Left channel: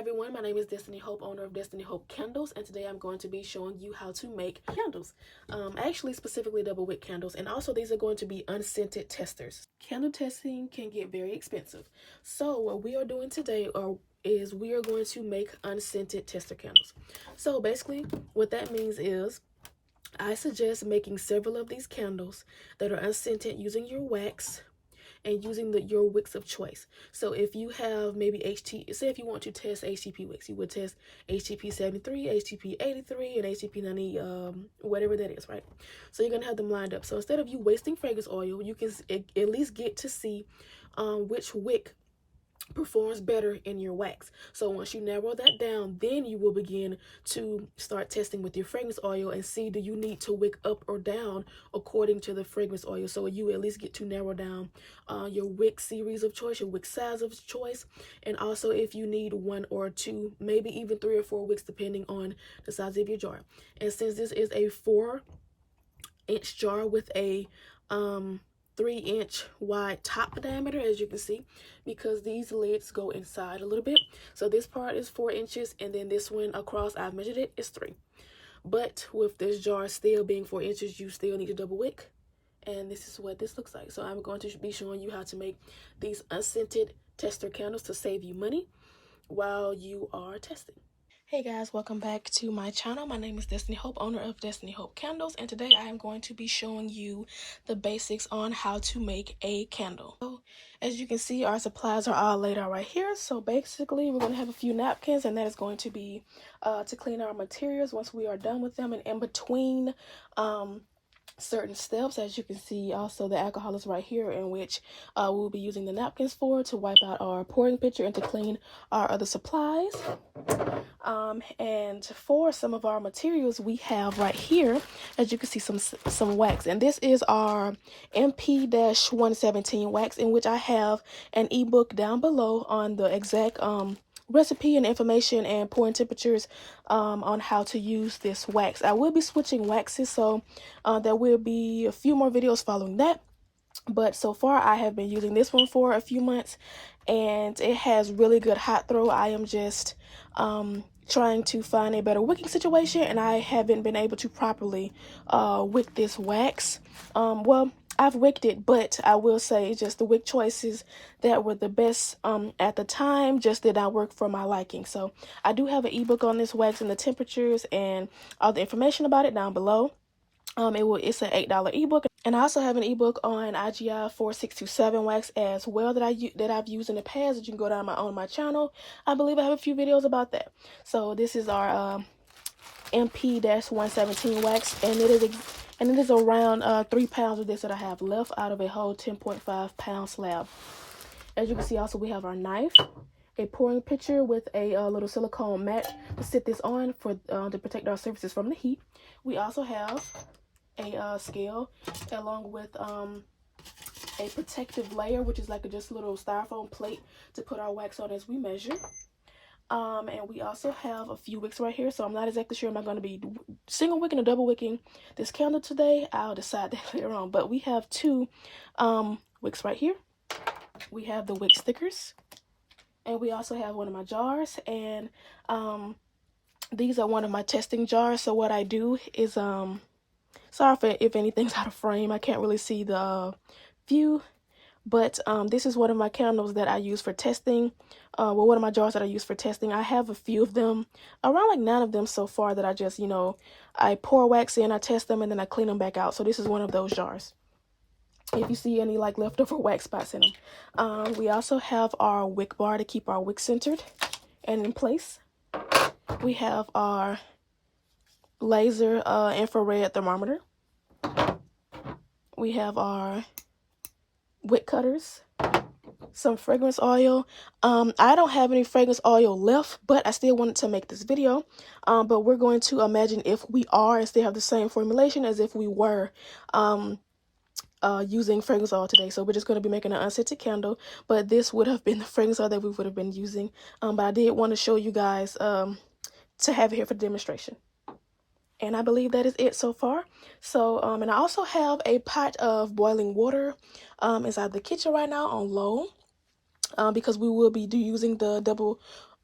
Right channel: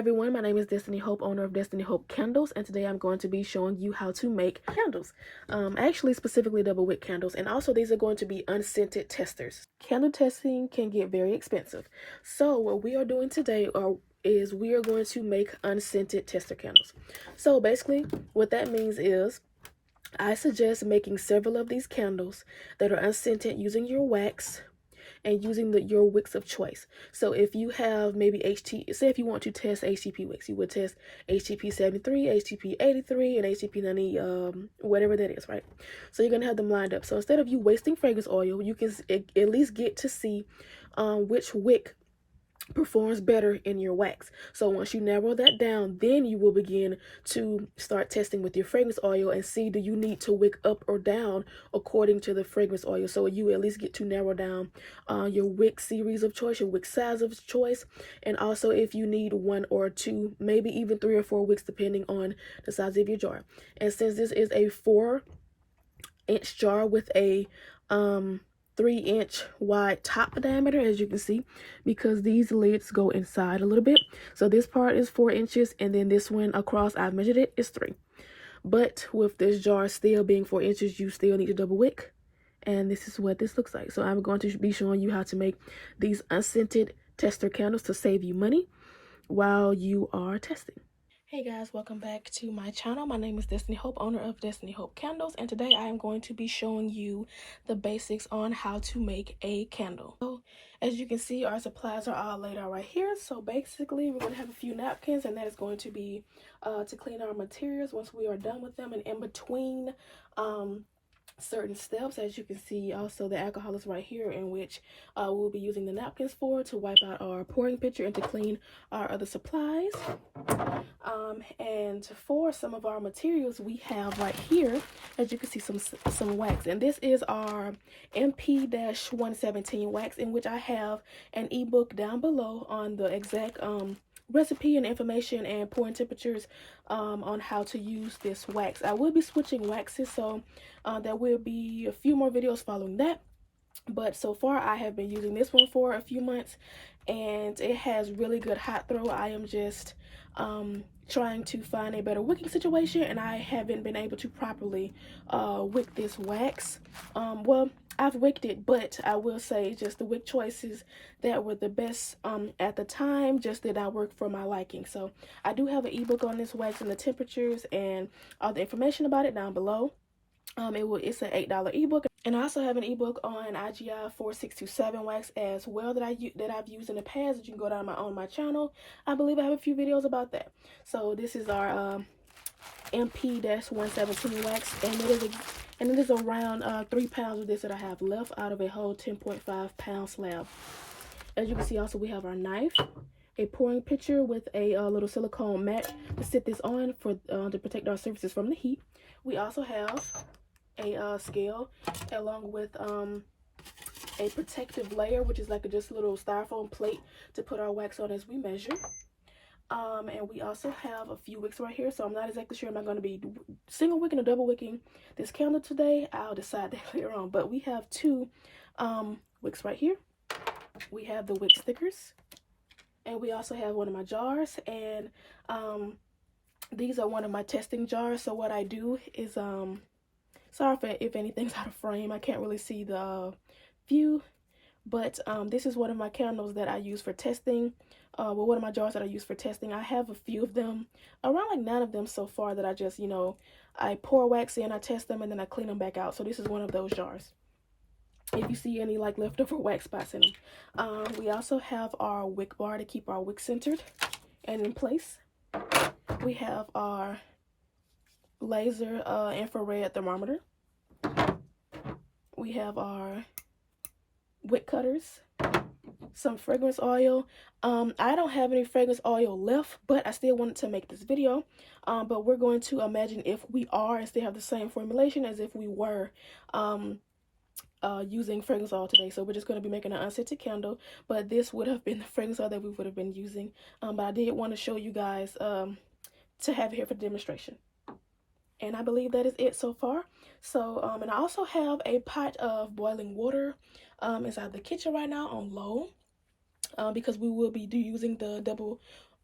everyone, my name is Destiny Hope, owner of Destiny Hope Candles, and today I'm going to be showing you how to make candles. Actually specifically double wick candles, and also these are going to be unscented testers. Candle testing can get very expensive, so what we are doing today is we are going to make unscented tester candles. So basically what that means is I suggest making several of these candles that are unscented using your wax and using your wicks of choice. So if you have maybe say if you want to test HTP wicks, you would test HTP 73, HTP 83, and HTP 90, whatever that is, right? So you're gonna have them lined up. So instead of you wasting fragrance oil, you can at least get to see which wick performs better in your wax. So once you narrow that down, then you will begin to start testing with your fragrance oil and see, do you need to wick up or down according to the fragrance oil. So you at least get to narrow down your wick series of choice, your wick size of choice, and also if you need 1 or 2, maybe even 3 or 4 wicks depending on the size of your jar. And since this is a 4-inch jar with a 3-inch wide top diameter, as you can see, because these lids go inside a little bit. So this part is 4 inches, and then this one across, I've measured it, is 3. But with this jar still being 4 inches, you still need to double wick, and this is what this looks like. So I'm going to be showing you how to make these unscented tester candles to save you money while you are testing. Hey guys, welcome back to my channel. My name is Destiny Hope, owner of Destiny Hope Candles, and today I am going to be showing you the basics on how to make a candle. So as you can see, our supplies are all laid out right here. So basically we're going to have a few napkins, and that is going to be to clean our materials once we are done with them, and in between certain steps, as you can see, also the alcohol is right here, in which we'll be using the napkins to wipe out our pouring pitcher and to clean our other supplies. And for some of our materials, we have right here, as you can see, some wax, and this is our MP-117 wax, in which I have an ebook down below on the exact recipe and information and pouring temperatures on how to use this wax. I will be switching waxes, so there will be a few more videos following that. But so far I have been using this one for a few months, and it has really good hot throw. I am just trying to find a better wicking situation, and I haven't been able to properly wick this wax. Well, I've wicked it, but I will say just the wick choices that were the best at the time just did not work for my liking. So I do have an ebook on this wax and the temperatures and all the information about it down below. It's an $8 ebook, and I also have an ebook on IGI 4627 wax as well that I've used in the past, that you can go down on my channel. I believe I have a few videos about that. So this is our MP-117 wax, and it is around 3 pounds of this that I have left out of a whole 10.5 pound slab. As you can see, also we have our knife, a pouring pitcher with a little silicone mat to sit this on for to protect our surfaces from the heat. We also have a scale along with a protective layer, which is like just a little styrofoam plate to put our wax on as we measure. And we also have a few wicks right here, so I'm not exactly sure am I going to be single wicking or double wicking this candle today. I'll decide that later on. But we have 2 wicks right here. We have the wick stickers, and we also have one of my jars, and these are one of my testing jars. So what I do is sorry if anything's out of frame, I can't really see the view, but this is one of my candles that I use for testing. Well, one of my jars that I use for testing. I have a few of them, around like 9 of them so far, that I just, I pour wax in, I test them, and then I clean them back out. So this is one of those jars, if you see any like leftover wax spots in them. We also have our wick bar to keep our wick centered and in place. We have our laser infrared thermometer. We have our wick cutters, some fragrance oil. I don't have any fragrance oil left, but I still wanted to make this video. But we're going to imagine if we are and still have the same formulation as if we were using fragrance oil today. So we're just going to be making an unscented candle, but this would have been the fragrance oil that we would have been using. But I did want to show you guys to have it here for demonstration. And I believe that is it so far. So and I also have a pot of boiling water inside the kitchen right now on low, because we will be using the double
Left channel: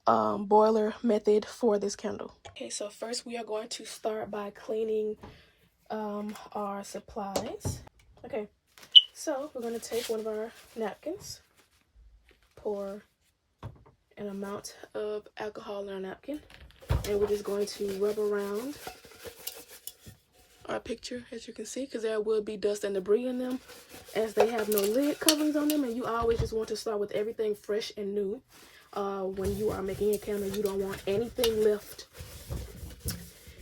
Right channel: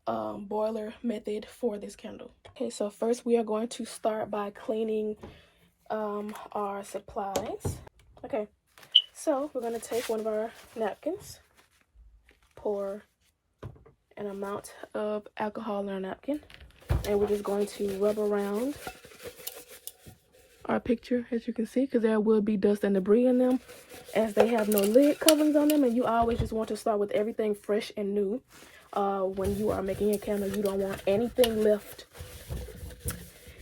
boiler method for this candle. Okay, so first we are going to start by cleaning our supplies. Okay, so we're going to take one of our napkins, pour an amount of alcohol in our napkin, and we're just going to rub around our picture, as you can see, because there will be dust and debris in them, as they have no lid coverings on them, and you always just want to start with everything fresh and new. When you are making a candle, you don't want anything left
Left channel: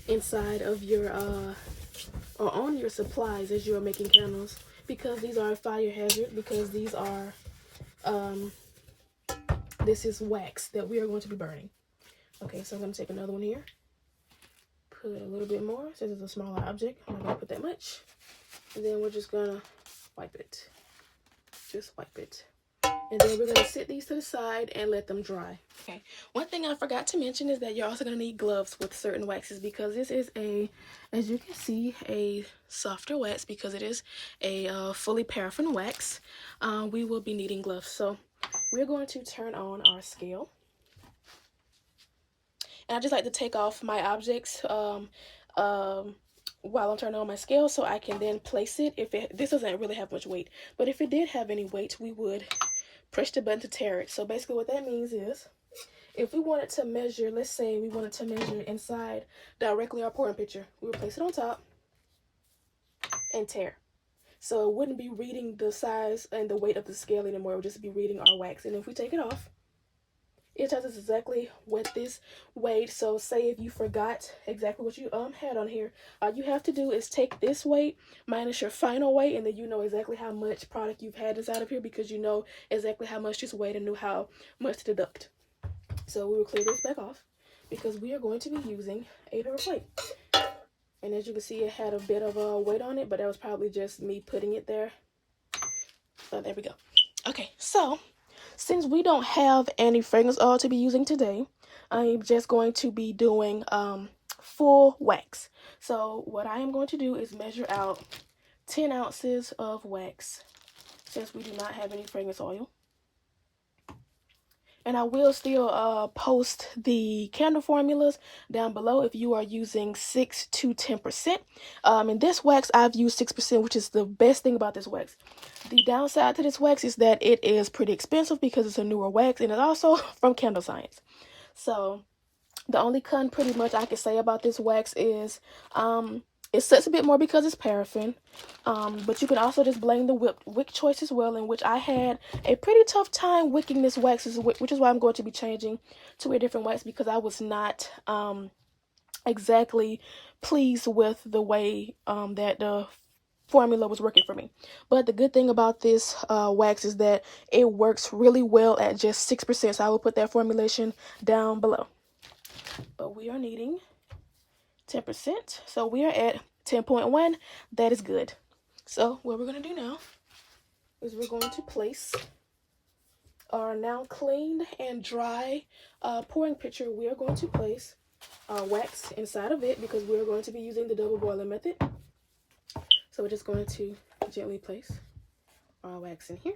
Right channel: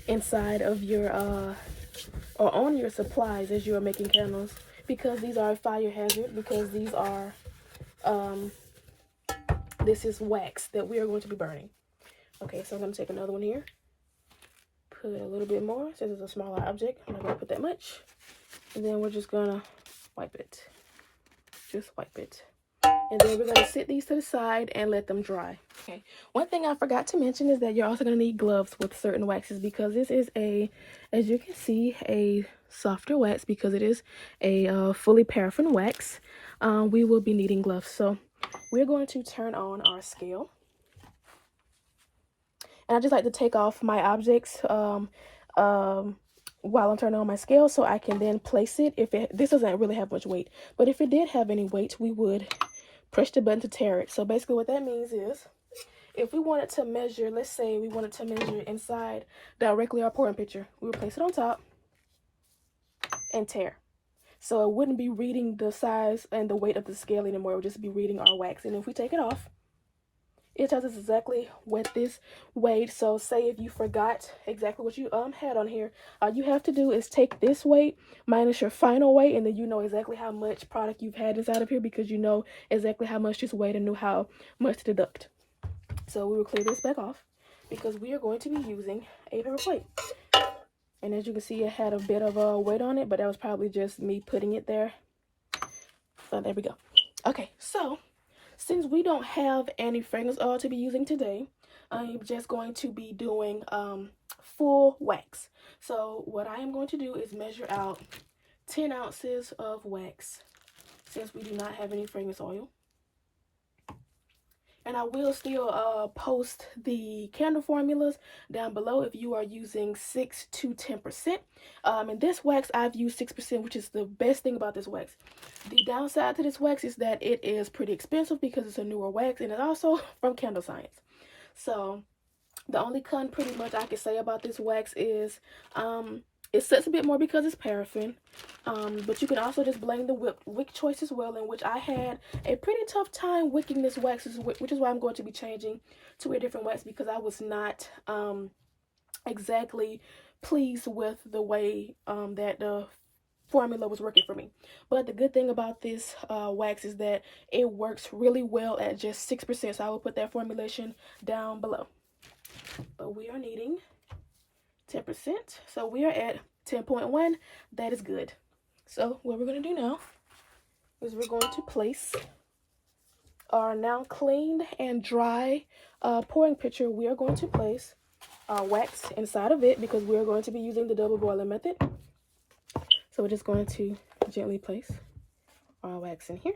inside of your or on your supplies as you are making candles, because these are a fire hazard, because these are this is wax that we are going to be burning. Okay, so I'm going to take another one here, put a little bit more since it's a smaller object. I'm not going to put that much, and then we're just going to wipe it. Just wipe it. And then we're going to sit these to the side and let them dry. Okay, one thing I forgot to mention is that you're also going to need gloves with certain waxes, because this is a, as you can see, a softer wax, because it is a fully paraffin wax. We will be needing gloves. So we're going to turn on our scale. And I just like to take off my objects while I'm turning on my scale, so I can then place it. This doesn't really have much weight, but if it did have any weight, we would push the button to tare it. So basically what that means is, if we wanted to measure, let's say we wanted to measure inside directly our pouring pitcher, we would place it on top and tear. So it wouldn't be reading the size and the weight of the scale anymore. It would just be reading our wax. And if we take it off, it tells us exactly what this weighed. So say if you forgot exactly what you had on here, all you have to do is take this weight minus your final weight, and then you know exactly how much product you've had inside of here, because you know exactly how much this weighed and knew how much to deduct. So we will clear this back off, because we are going to be using a paper plate. And as you can see, it had a bit of a weight on it, but that was probably just me putting it there. So there we go. Okay, so since we don't have any fragrance oil to be using today, I'm just going to be doing full wax. So what I am going to do is measure out 10 ounces of wax, since we do not have any fragrance oil. And I will still post the candle formulas down below if you are using 6 to 10%. In this wax, I've used 6%, which is the best thing about this wax. The downside to this wax is that it is pretty expensive, because it's a newer wax, and it's also from Candle Science. So the only con pretty much I can say about this wax is it sucks a bit more because it's paraffin, but you can also just blame the wick choice as well, in which I had a pretty tough time wicking this wax, which is why I'm going to be changing to a different wax, because I was not exactly pleased with the way that the formula was working for me. But the good thing about this wax is that it works really well at just 6%, so I will put that formulation down below. But we are needing 10%, so we are at 10.1. That is good. So what we're going to do now is we're going to place our now cleaned and dry pouring pitcher. We are going to place our wax inside of it, because we are going to be using the double boiler method. So we're just going to gently place our wax in here.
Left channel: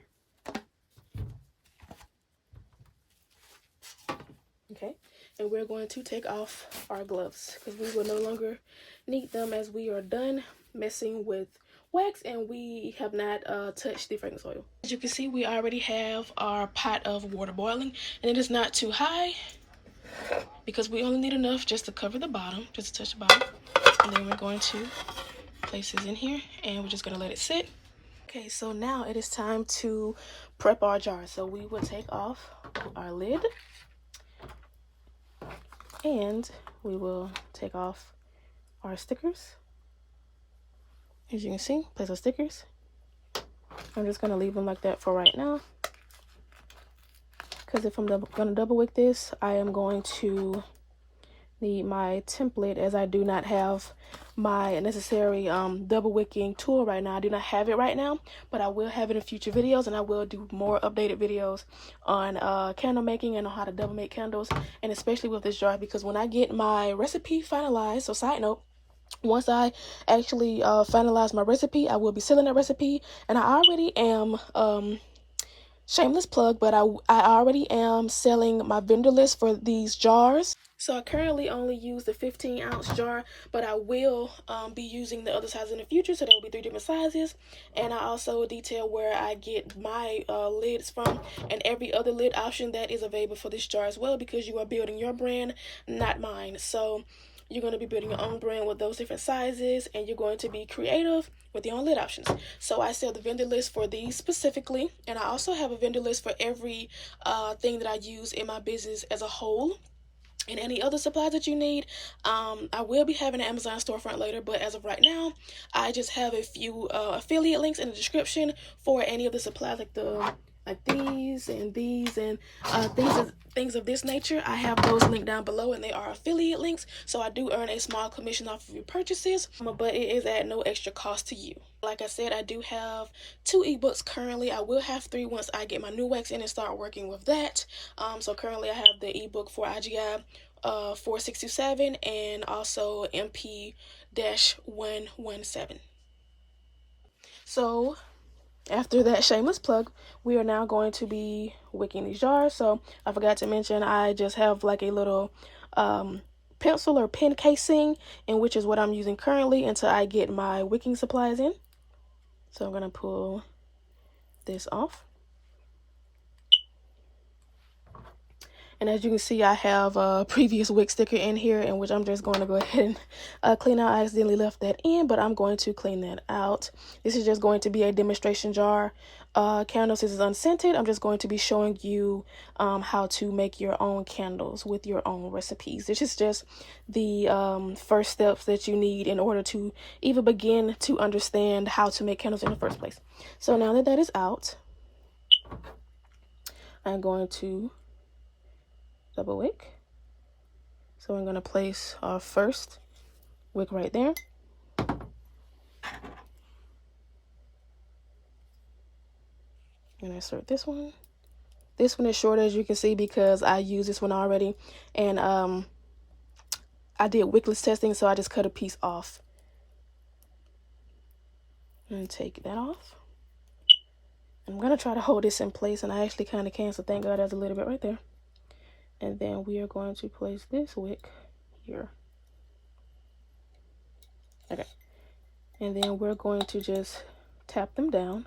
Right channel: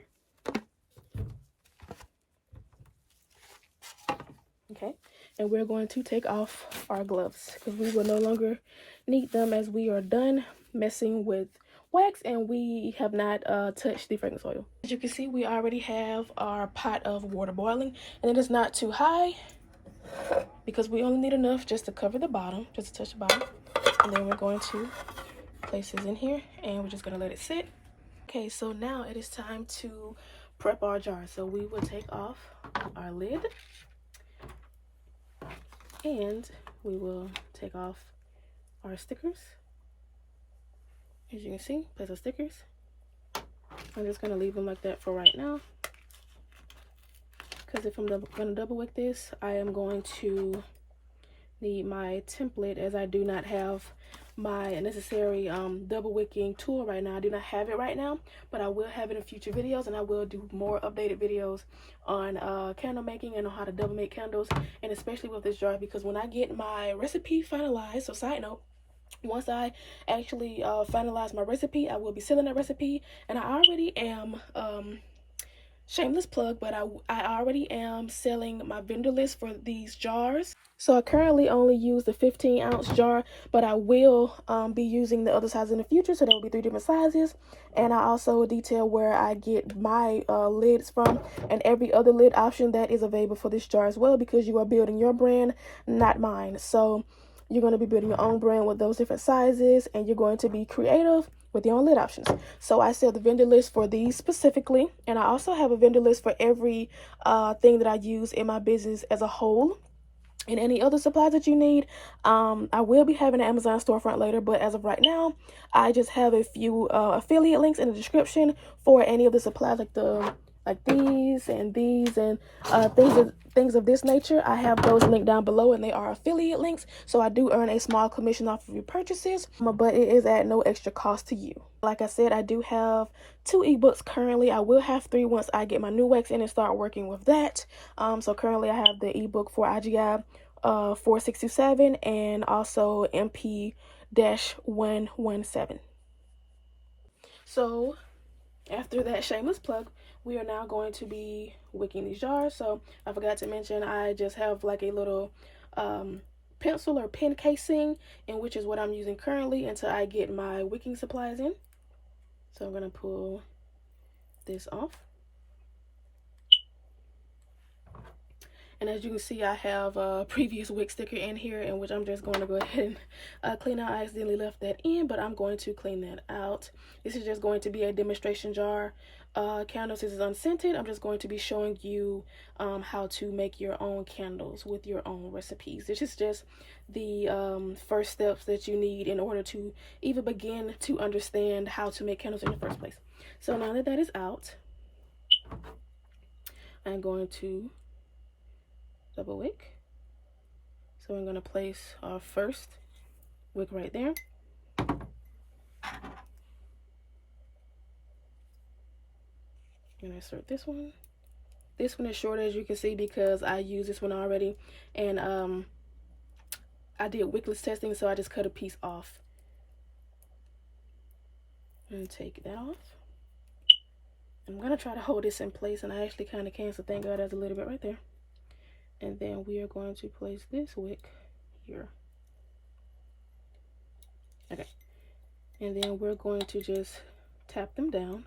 Okay, and we're going to take off our gloves, because we will no longer need them, as we are done messing with wax and we have not touched the fragrance oil. As you can see, we already have our pot of water boiling, and it is not too high, because we only need enough just to cover the bottom, just to touch the bottom. And then we're going to place this in here, and we're just going to let it sit. Okay, so now it is time to prep our jar. So we will take off our lid, and we will take off our stickers. As you can see, place our stickers. I'm just going to leave them like that for right now, because if I'm going to double wick this, I am going to need my template, as I do not have my necessary double wicking tool right now. I do not have it right now, but I will have it in future videos, and I will do more updated videos on candle making and on how to double make candles, and especially with this jar, because when I get my recipe finalized, so side note, once I actually finalize my recipe, I will be selling that recipe, and I already am Shameless plug, but I already am selling my vendor list for these jars. So I currently only use the 15-ounce jar, but I will be using the other size in the future, so there will be 3 different sizes. And I also detail where I get my lids from and every other lid option that is available for this jar as well, because you are building your brand, not mine. So you're going to be building your own brand with those different sizes, and you're going to be creative with your own lid options. So I sell the vendor list for these specifically, and I also have a vendor list for every thing that I use in my business as a whole. And any other supplies that you need. I will be having an Amazon storefront later, but as of right now, I just have a few affiliate links in the description for any of the supplies, like these and things of this nature. I have those linked down below, and they are affiliate links, so I do earn a small commission off of your purchases, but it is at no extra cost to you. Like I said, I do have 2 ebooks currently. I will have 3 once I get my new wax in and start working with that. So currently I have the ebook for IGI 4627 and also MP-117. So after that shameless plug, we are now going to be wicking these jars. So I forgot to mention, I just have like a little pencil or pen casing, in which is what I'm using currently until I get my wicking supplies in. So I'm going to pull this off. And as you can see, I have a previous wick sticker in here, in which I'm just going to go ahead and clean out. I accidentally left that in, but I'm going to clean that out. This is just going to be a demonstration jar. Candles, this is unscented. I'm just going to be showing you how to make your own candles with your own recipes. This is just the first steps that you need in order to even begin to understand how to make candles in the first place. So now that that is out, I'm going to double wick. So I'm going to place our first wick right there. And insert this one. This one is short, as you can see, because I used this one already, and I did wickless testing, so I just cut a piece off. And take that off. I'm going to try to hold this in place, and I actually kind of can, so thank God there's a little bit right there. And then we are going to place this wick here. Okay. And then we're going to just tap them down.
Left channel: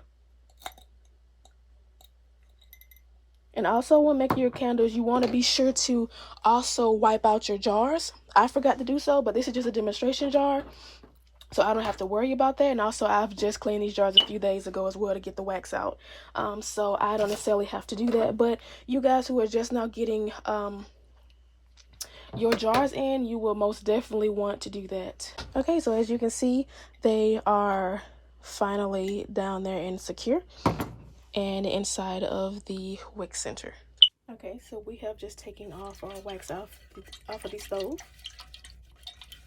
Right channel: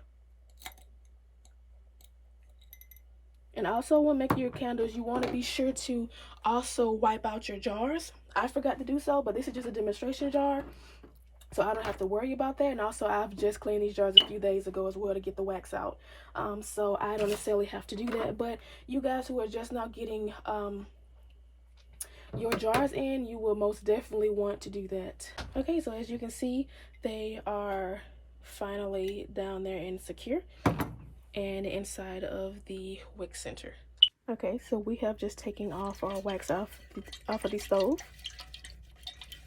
And also, when making your candles, you want to be sure to also wipe out your jars. I forgot to do so, but this is just a demonstration jar, so I don't have to worry about that. And also, I've just cleaned these jars a few days ago as well to get the wax out. So I don't necessarily have to do that. But you guys who are just now getting your jars in, you will most definitely want to do that. Okay, so as you can see, they are finally down there and secure, and inside of the wick center. Okay, so we have just taken off our wax off of the stove.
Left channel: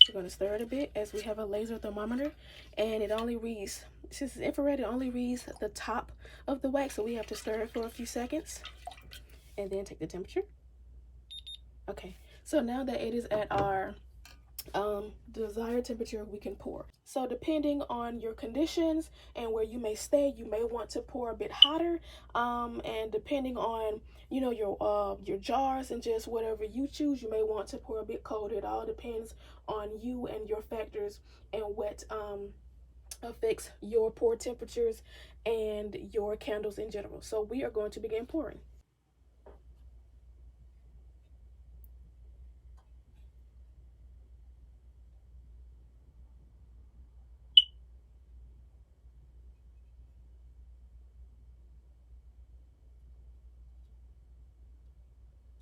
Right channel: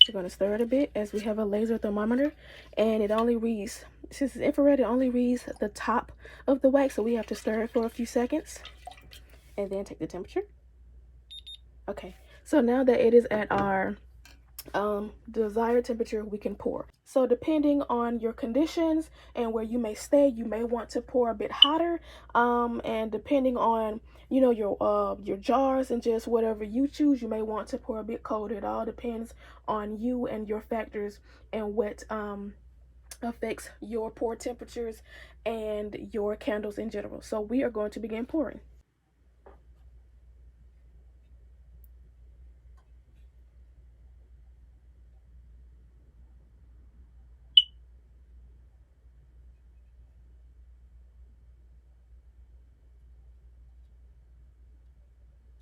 We're going to stir it a bit, as we have a laser thermometer, and it only reads, since it's infrared, it only reads the top of the wax, so we have to stir it for a few seconds and then take the temperature. Okay, so now that it is at our desired temperature, we can pour. So depending on your conditions and where you may stay, you may want to pour a bit hotter, and depending on, you know, your jars and just whatever you choose, you may want to pour a bit colder. It all depends on you and your factors and what affects your pour temperatures and your candles in general. So we are going to begin pouring.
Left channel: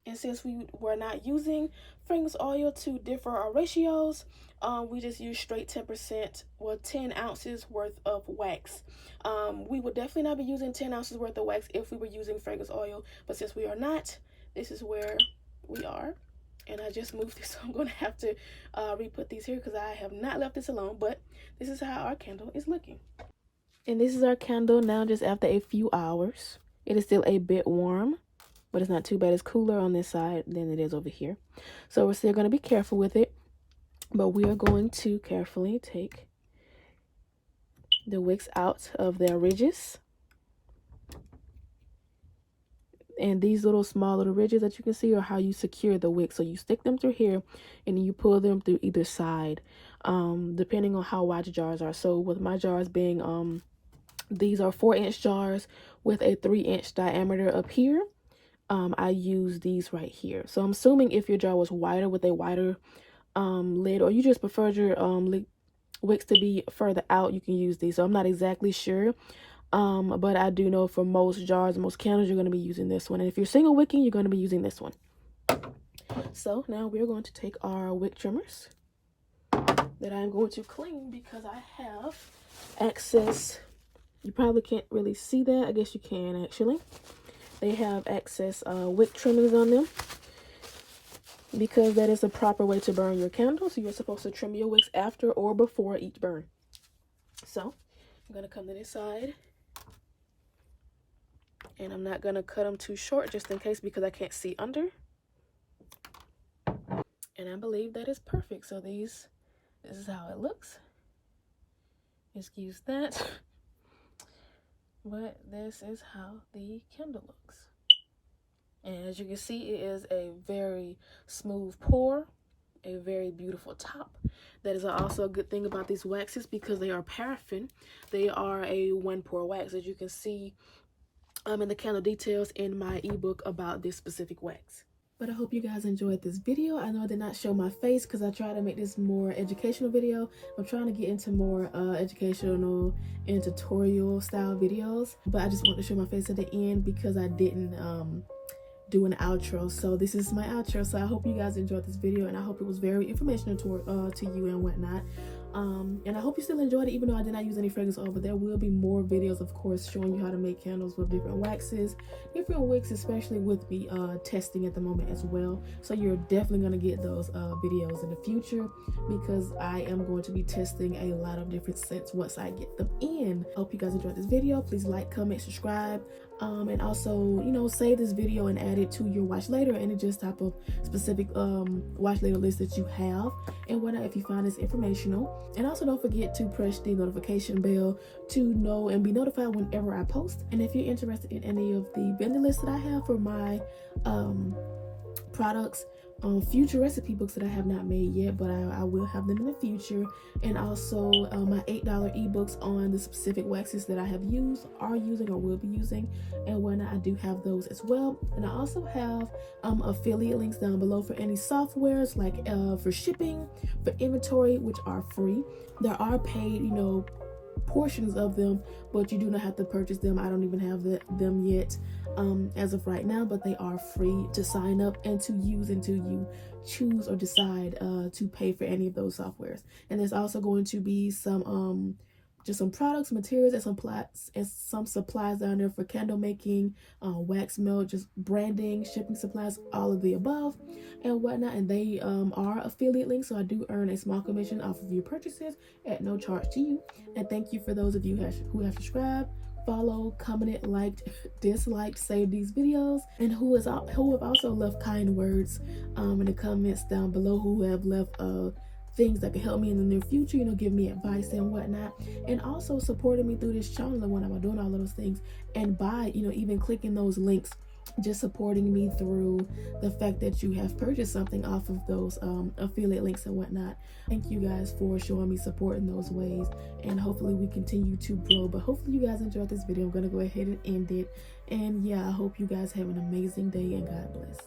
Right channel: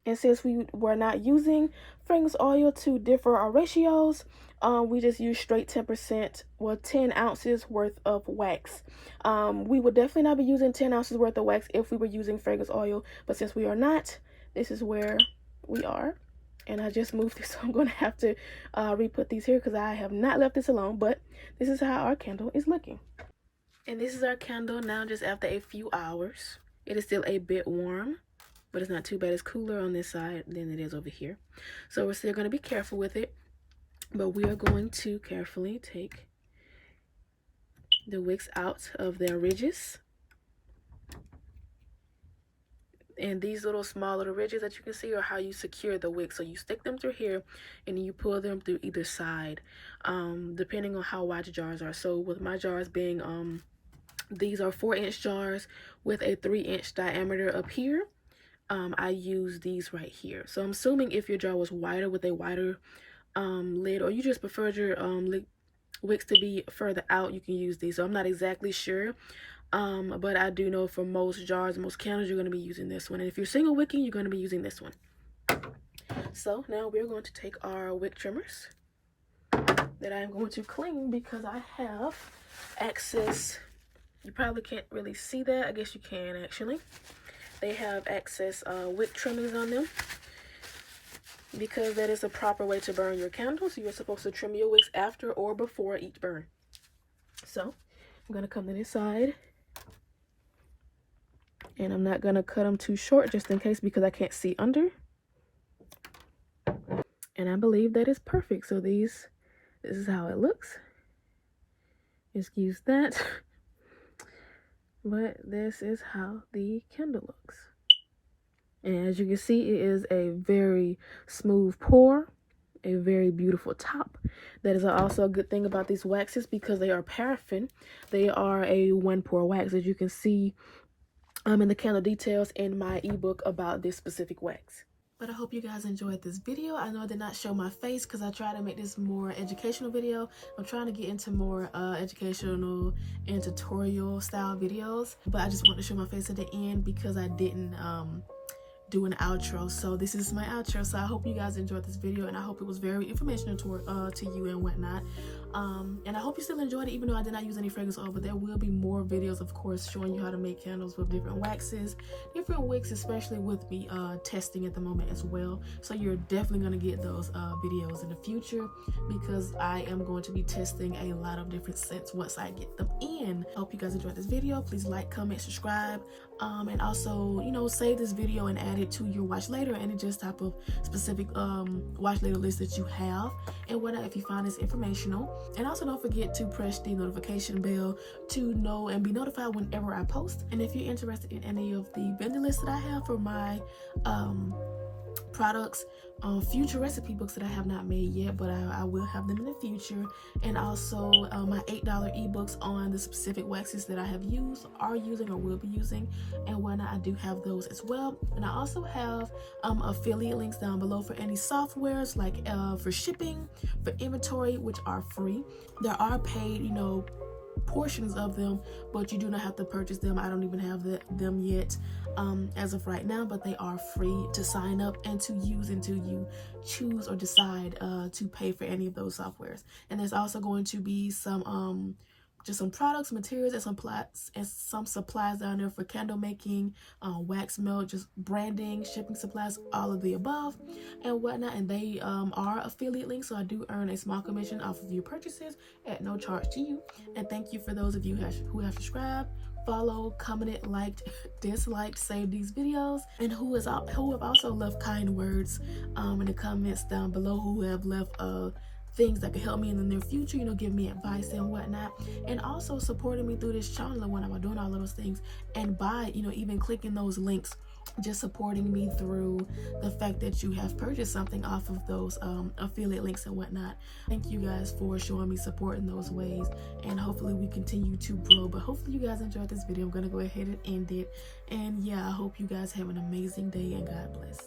And since we were not using fragrance oil to differ our ratios, we just use straight 10%, well, 10 ounces worth of wax. We would definitely not be using 10 ounces worth of wax if we were using fragrance oil, but since we are not, this is where we are. And I just moved this, so I'm going to have to re-put these here because I have not left this alone, but this is how our candle is looking. And this is our candle now, just after a few hours. It is still a bit warm, but it's not too bad. It's cooler on this side than it is over here. So we're still going to be careful with it, but we are going to carefully take the wicks out of their ridges. And these little small little ridges that you can see are how you secure the wick. So you stick them through here and you pull them through either side, depending on how wide your jars are. So with my jars being, these are 4-inch jars with a 3-inch diameter up here. I use these right here. So I'm assuming if your jar was wider with a wider lid, or you just preferred your wicks to be further out, you can use these. So I'm not exactly sure. But I do know for most jars, most candles, you're going to be using this one. And if you're single wicking, you're going to be using this one. So now we're going to take our wick trimmers that I'm going to clean because I have excess. You probably can't really see that. I guess you can actually. They have excess wick trimmings on them because that is the proper way to burn your candles. So you're supposed to trim your wicks after or before each burn. So I'm going to come to this side. And I'm not going to cut them too short just in case because I can't see under. And I believe that is perfect. So this is how it looks. Excuse that. But this is how the candle looks. And as you can see, it is a very smooth pour. A very beautiful top. That is also a good thing about these waxes because they are paraffin. They are a 1-pour wax, as you can see in the candle details in my ebook about this specific wax. But I hope you guys enjoyed this video. I know I did not show my face because I try to make this more educational video. I'm trying to get into more educational and tutorial style videos, but I just want to show my face at the end because I didn't do an outro. So this is my outro. So I hope you guys enjoyed this video, and I hope it was very informational to you and whatnot. And I hope you still enjoyed it, even though I did not use any fragrance oil. But there will be more videos, of course, showing you how to make candles with different waxes, different wicks, especially with me testing at the moment as well. So you're definitely going to get those videos in the future because I am going to be testing a lot of different scents once I get them in. I hope you guys enjoyed this video. Please like, comment, subscribe, and also, you know, save this video and add it to your watch later, any just type of specific watch later list that you have and whatnot if you find this informational. And also don't forget to press the notification bell to know and be notified whenever I post. And if you're interested in any of the vendor lists that I have for my products, future recipe books that I have not made yet, but I will have them in the future, and also my $8 ebooks on the specific waxes that I have used, are using, or will be using, and whatnot. I do have those as well. And I also have affiliate links down below for any softwares, like for shipping, for inventory, which are free. There are paid, you know, portions of them, but you do not have to purchase them. I don't even have them yet as of right now, but they are free to sign up and to use until you choose or decide to pay for any of those softwares. And there's also going to be some just some products, materials, and some supplies down there for candle making, wax melt, just branding, shipping supplies, all of the above and whatnot. And they are affiliate links, so I do earn a small commission off of your purchases at no charge to you. And thank you for those of you who have subscribed, follow, commented, liked, disliked, saved these videos, and who have also left kind words in the comments down below, who have left things that can help me in the near future, you know, give me advice and whatnot, and also supporting me through this channel and when I'm doing all of those things, and by, you know, even clicking those links, just supporting me through the fact that you have purchased something off of those affiliate links and whatnot. Thank you guys for showing me support in those ways, and hopefully we continue to grow. But hopefully you guys enjoyed this video. I'm gonna go ahead and end it, and yeah, I hope you guys have an amazing day, and God bless.